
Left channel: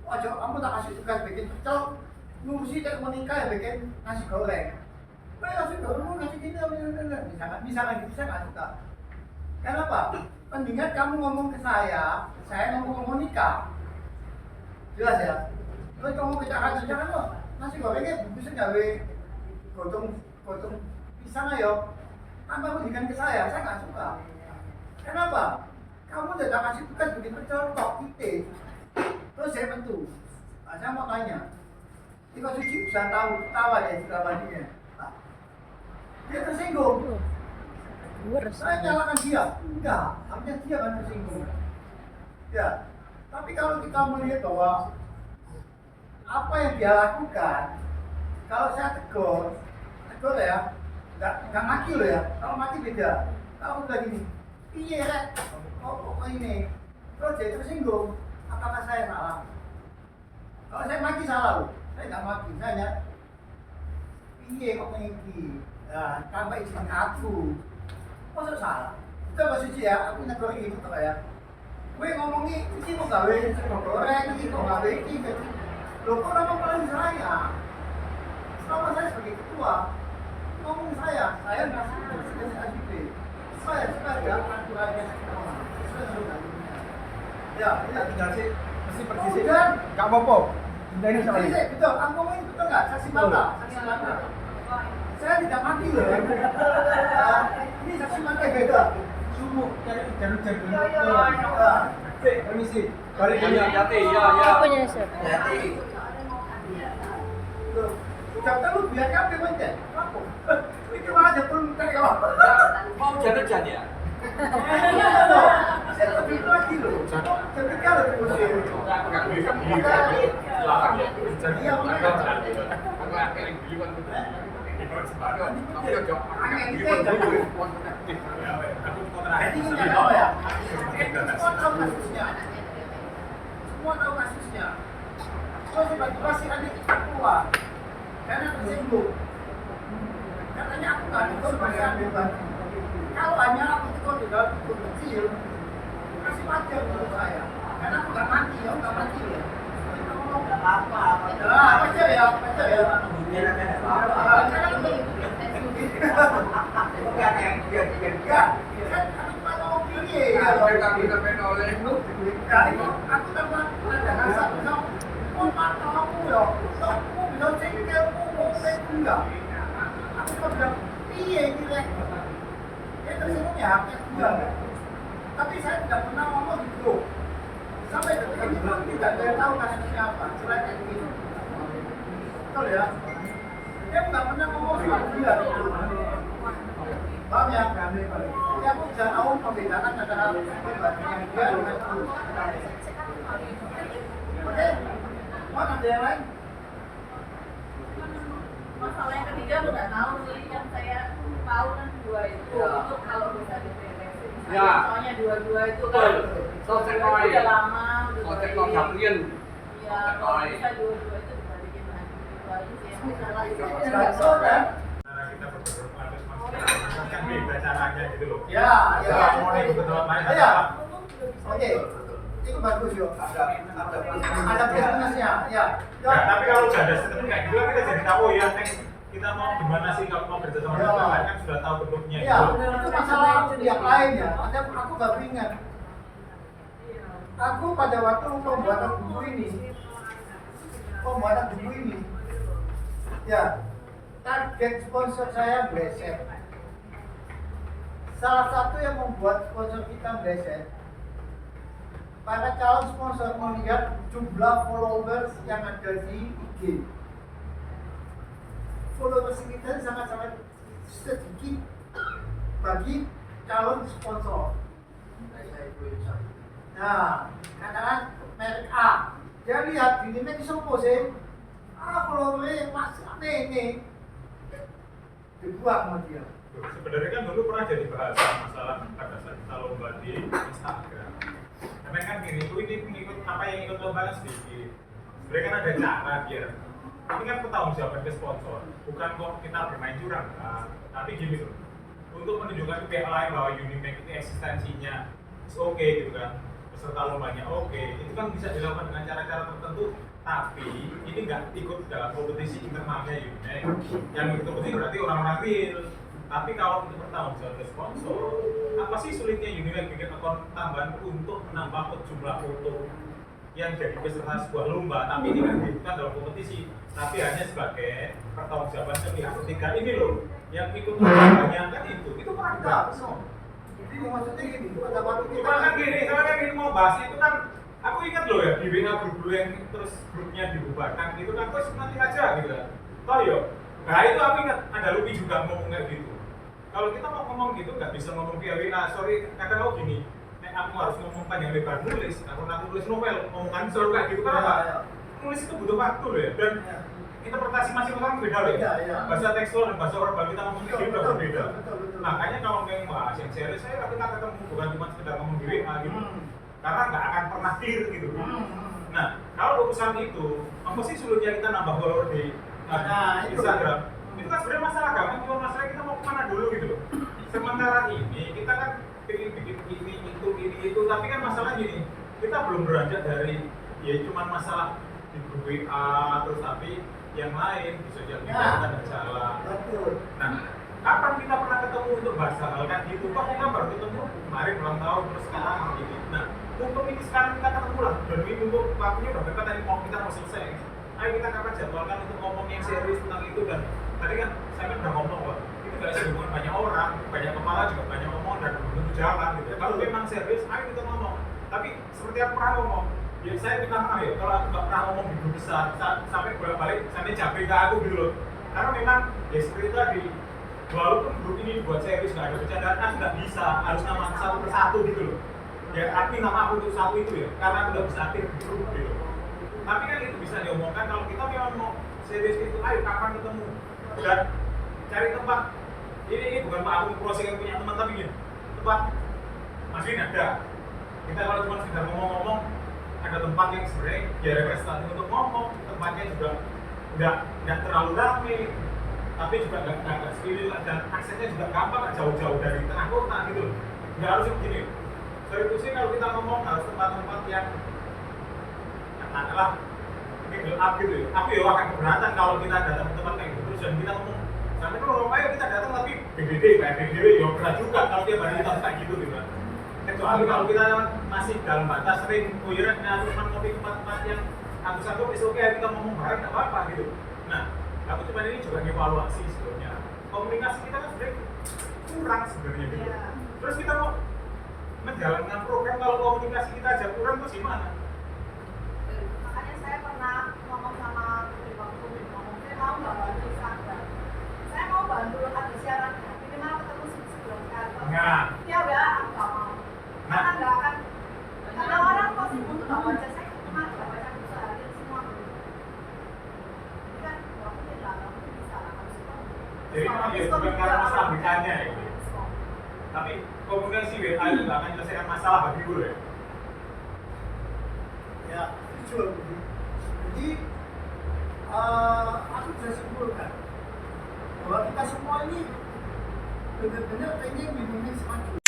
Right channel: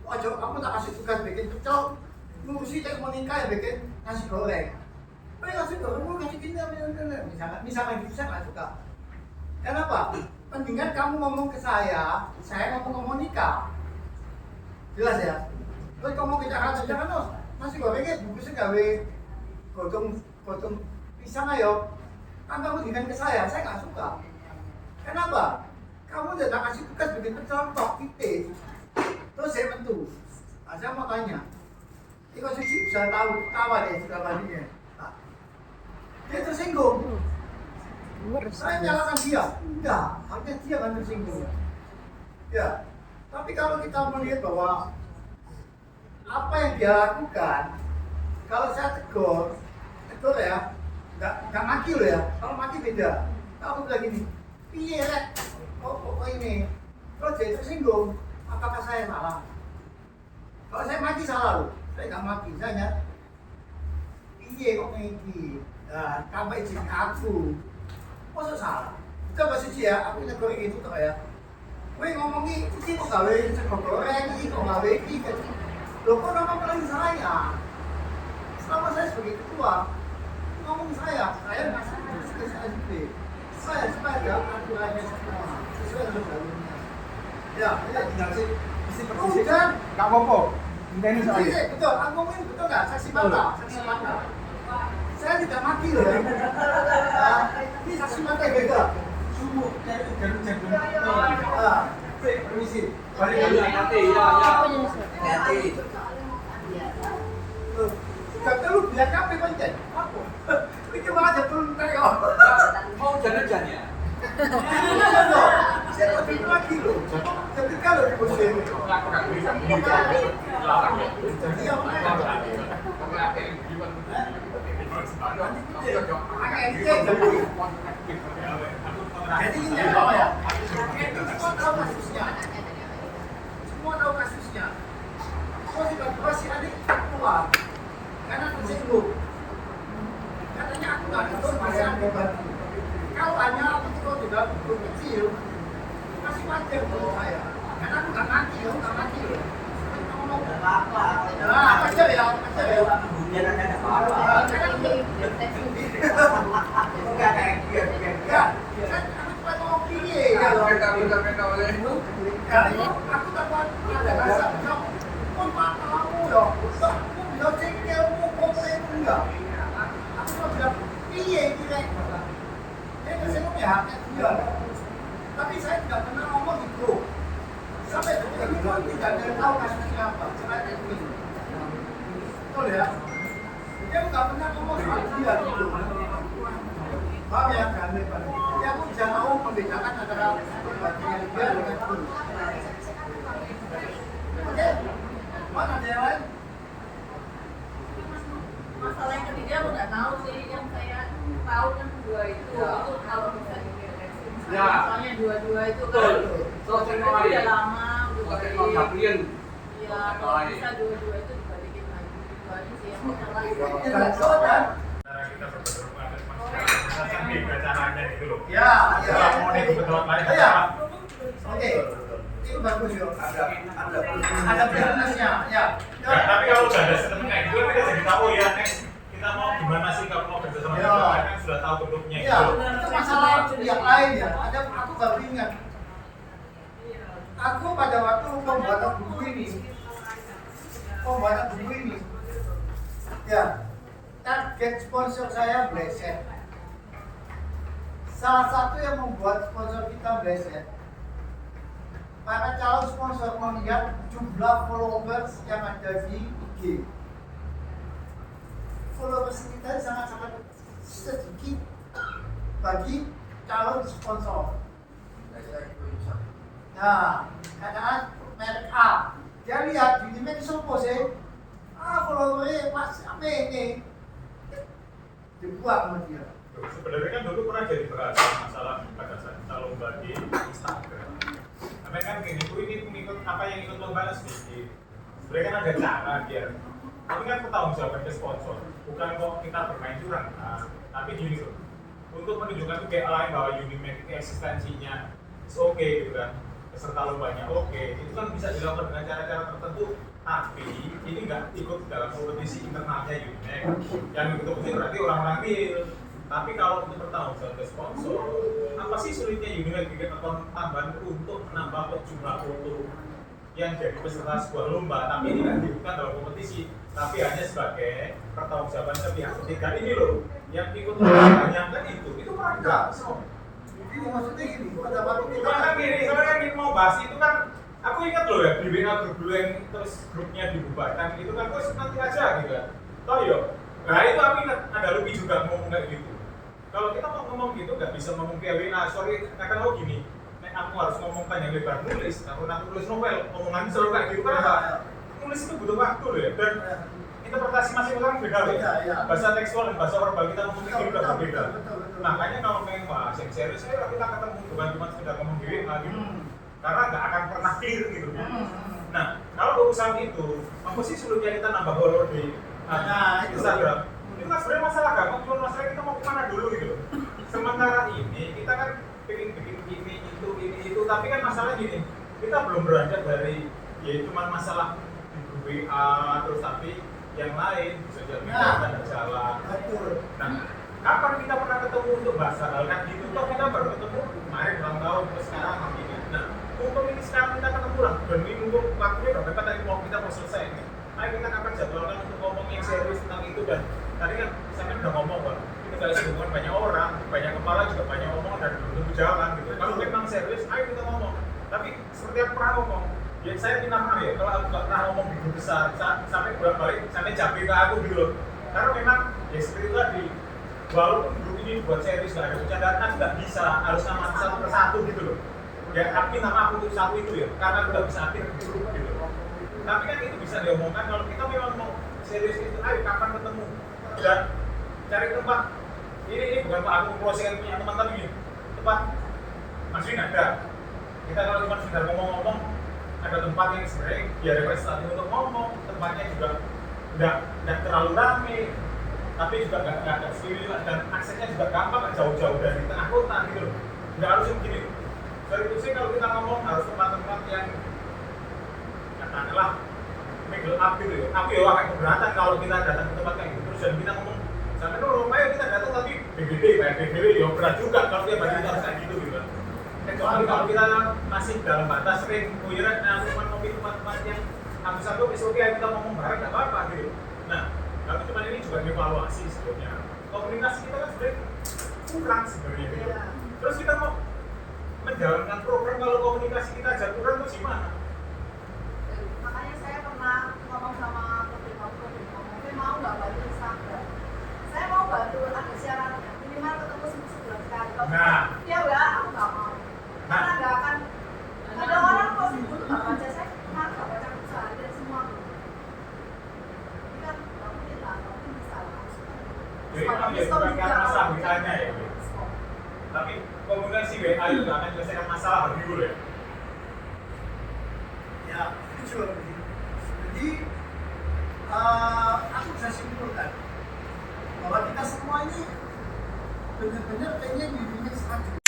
Ojo, kamu tak kasih tugas bikin pecel, ngurusi cek menikah ya bikin nasi goreng. Nasi goreng kasih gini, misalkan gitu saya nggak suka. Kenapa? Mendingan kamu ngomong ke saya ngomong ke Monika. Jelas ya? Kalau kamu ke jangan loh, nasi gorengnya bungkusnya gawe gotong pisang ayo. Kan kamu berikan ke saya nggak suka. Kenapa? Kamu udah kasih tugas bikin pecel tok titik. Terus saya bantu. Nah, saya mau tanya. Iko Suci bisa tawa deh sudah bandingnya. Nah, dia tersinggung. Saya nyalakan dia. Enggak, harusnya dia kan tersinggung. Ya, tapi kalau kita melihat bahwa apa yang dia lakukan, kalau saya tegur ya, nggak maki loh ya. Kalau maki beda. Kamu bilang gini, piye rek? Kok ini? Terus dia tersinggung. Apakah saya salah? Kalau saya maki salah loh. Saya nggak maki, saya hanya piye kok ini? Nah, tambah izin aku. Masa salah? Coba Suci ya, aku negur itu tuh ya. Kowe ngomong iki kok gawe sego goreng iki kok gawe iki. Loh kok nama paling saya? Selama saya sebagai ketua, ngomong saya ngasih tugas AJP. Saya supaya ada aturannya semua sesuai dengan jalurnya. Ya, tinggal sih mesti persis. Enggak apa-apa. Ini soalnya. Betul, aku ngomong ini betul nggak? Saksi mata. Saya tidak mati loh. Ini saksi mata beda. Sumuk dari permisi. Balik dulu. Hati, ya. Hati. Loh, gak tahu biar kape konten. Apa? Itu malah ada turun kok. Mau jalan-jalan ya? Saya lebih lagi loh. Ketika lo di musim. Iya benar. Jadi ini apa ya? Semua tahu kasusnya. Terus tiba-tiba si adik keluar karena tersinggung. Katanya aku nggak dituntut bisa bantu. Kalau hanya aku tuh di dalam grup kecil, masih wajar menurut saya. Karena aku nggak mati loh. Wajar ya. Kan aku cuma ngomong pilih ya. Aku takut ada rasa mau matamu ya. Aku bisa cengkelmu, komplain enggak. Aku cuma bilang pilih direct. Dia tersinggung ya haknya dia. Tapi saya tidak pernah ngomong di grup. Sampai detik ini pun tidak ada yang tahu kasusnya apa. Selain itu. Betul ya? Dia nggak pernah ngomong soal dia. Paham ya? Jadi aku bisa tahu membedakan antara perbandingan dia dengan itu. Oke? Mana ada yang lain? Masalah yang ketiga aku nggak tahu sih, yang saya tahu kan dua itu kalau bisa diberesin. Soalnya dua itu kan udah lama, Iya, kalau bisa dua itu dibalikin lagi. Itu aja sih yang masalah. Cara kita berbentuk kan beda caranya gitu loh. Ya. Mau nih kebetulan lain. Ya. Oke. Itu bagus yo. Ada plusnya. Ya. Tapi kalau udah ada sistem kayak gitu kita jadi tahu ya next kita mau gimana sih kalau mau kerja sama orang lain kan sudah tahu bentuknya. Iya. Itu masalah yang lain ya. Ada aku baru ingat. Aku pada waktu pembuatan buku ini, Ya, target sponsor saya meleset. Salah satu yang membuat sponsor kita meleset, para calon sponsor melihat jumlah followers yang ada di IG. Followers kita sangat-sangat sedikit bagi calon sponsor. Nah, katakan merek A, dia lihat ini merek sopo sih, followernya mas apa ini, dibuang sama dia. Sebenarnya kan dulu pernah jadi bahasan masalah pada saat kita lomba di Instagram. Karena kan ini ikut apa yang ikut lomba sedikit. Sebenarnya kan ada cara biar ini kan pertanggungjawaban ke sponsor, bukan kok kita bermain curang. Nah, tapi gini tuh, untuk menunjukkan ke pihak lain bahwa Unimax itu eksistensinya oke gitu kan, peserta lombanya oke, itu kan bisa dilakukan dengan cara-cara tertentu. Tapi ini nggak ikut dalam kompetisi internalnya Unimax. Yang ikut kompetisi berarti orang-orang real. Tapi kalau untuk bertanggung ke sponsor, apa sih sulitnya Unimax bikin akun tambahan untuk menambah jumlah foto yang jadi peserta sebuah lomba, tapi ini kan bukan dalam kompetisi, tapi hanya sebagai pertanggungjawaban ke pihak ketiga ini loh, yang ikut membayangkan itu pernah kita. Jadi maksudnya gini, pada waktu kita Cuma kan gini mau bahas itu kan, aku ingat loh ya di WA grup dulu yang terus grupnya dibubarkan itu kan, terus nanti aja gitu kan. Toh yo, nah itu aku ingat ada Lucky juga ngomong kayak gitu. Kalau kita mau ngomong gitu nggak bisa ngomong via WA, sorry kata aku gini. Aku harus ngomong panjang lebar nulis, aku nulis novel, omongan selalu kayak gitu kan. Nulis itu butuh waktu loh ya, dan interpretasi masing orang beda loh ya. Bahasa tekstual dan bahasa verbal kita ngomong itu udah berbeda. Makanya kalau pengen bahas yang serius, saya kita ketemu bukan cuma sekedar ngomong di WA gitu, karena nggak akan pernah clear gitu. Nah, kalau urusan itu, apa sih sulitnya kita nambah follower di Instagram? Itu kan sebenarnya masalah gampang, cuma masalah kita mau kemana dulu gitu loh. Sementara ini kita kan pengen bikin ini itu, tapi kan masalah gini, kita belum beranjak dari ya cuma masalah di grup WA terus, tapi yang lain bisa jadi kita nggak jalan. Nah, kapan kita pernah ketemu untuk bahas hal kan gitu? Kok kita baru ketemu kemarin ulang tahun terus sekarang gitu. Nah, untuk ini sekarang kita ketemu lah, dan ini untuk waktunya udah dekat dari kita mau selesai ini. Ayo kita kapan jadwalkan untuk ngomong yang serius tentang itu, dan tadi kan saya kan udah ngomong kok. Kalau hubungan banyak orang, banyak kepala juga banyak ngomong dan belum jalan gitu. Kalau memang serius, ayo kita ngomong. Tapi seperti aku pernah ngomong, ya saya minta maaf ya kalau aku nggak pernah ngomong di grup besar, sampai bolak-balik sampai capek ke aku gitu loh. Karena memang ya seperti itu tadi, walaupun grup ini buat serius nggak ada bercandaan, aku nggak bisa harus nama satu persatu gitu loh. Ya aku minta maaf untuk satu itu ya, karena aku nggak bisa aktif di grup gitu. Tapi kan itu bisa diomongkan kalau kita memang mau serius itu, ayo kapan ketemu dan cari tempat. Ini bukan Pak Agung proses yang punya teman, tapi gini, tempat Mas Win ada. Kita kalau cuma sekedar ngomong-ngomong, ada tempat yang sebenarnya ya representatif untuk ngomong, tempatnya juga nggak terlalu ramai, tapi juga nggak steril dan aksesnya juga gampang, nggak jauh-jauh dari tengah kota gitu loh. Nggak harus yang begini. Dari itu sih kalau kita ngomong harus tempat-tempat yang katakanlah ini gelap gitu ya. Tapi ya akan keberatan kalau kita datang ke tempat kayak gitu terus dan kita ngomong. Sampai kalau ayo kita datang tapi BBD, PSBB ya berat juga kalau tiap hari kita harus kayak gitu kan. Kecuali kalau kita masih dalam batas sering kuyuran, nah cuma ngopi tempat-tempat yang satu-satu oke kita ngomong bareng nggak apa-apa gitu. Nah, tapi cuma ini juga evaluasi sebetulnya. Komunikasi kita kan sebenarnya kurang sebenarnya gitu. Terus kita mau menjalankan program kalau komunikasi kita aja kurang terus gimana? Makanya saya pernah ngomong sama Putri, mungkin mau nggak bantu Instagram. Saya mau bantu ada siarannya, minimal ketemu sebulan sekali. Nah, dia udah aku nggak mau, karena nggak akan ada orang kok sibuk nggak baca, saya cuma nggak baca sehari dari semua. Ini kan mungkin lah, mungkin bisa lah harus bantu. jadi memang ya bukan karena masalah WA-nya ya, tapi komunikasi WA itu nggak akan menyelesaikan masalah bagi dulu ya. ya setuju. Jadi aku bisa simpulkan bahwa kita semua ini benar-benar pengen Unimax maju.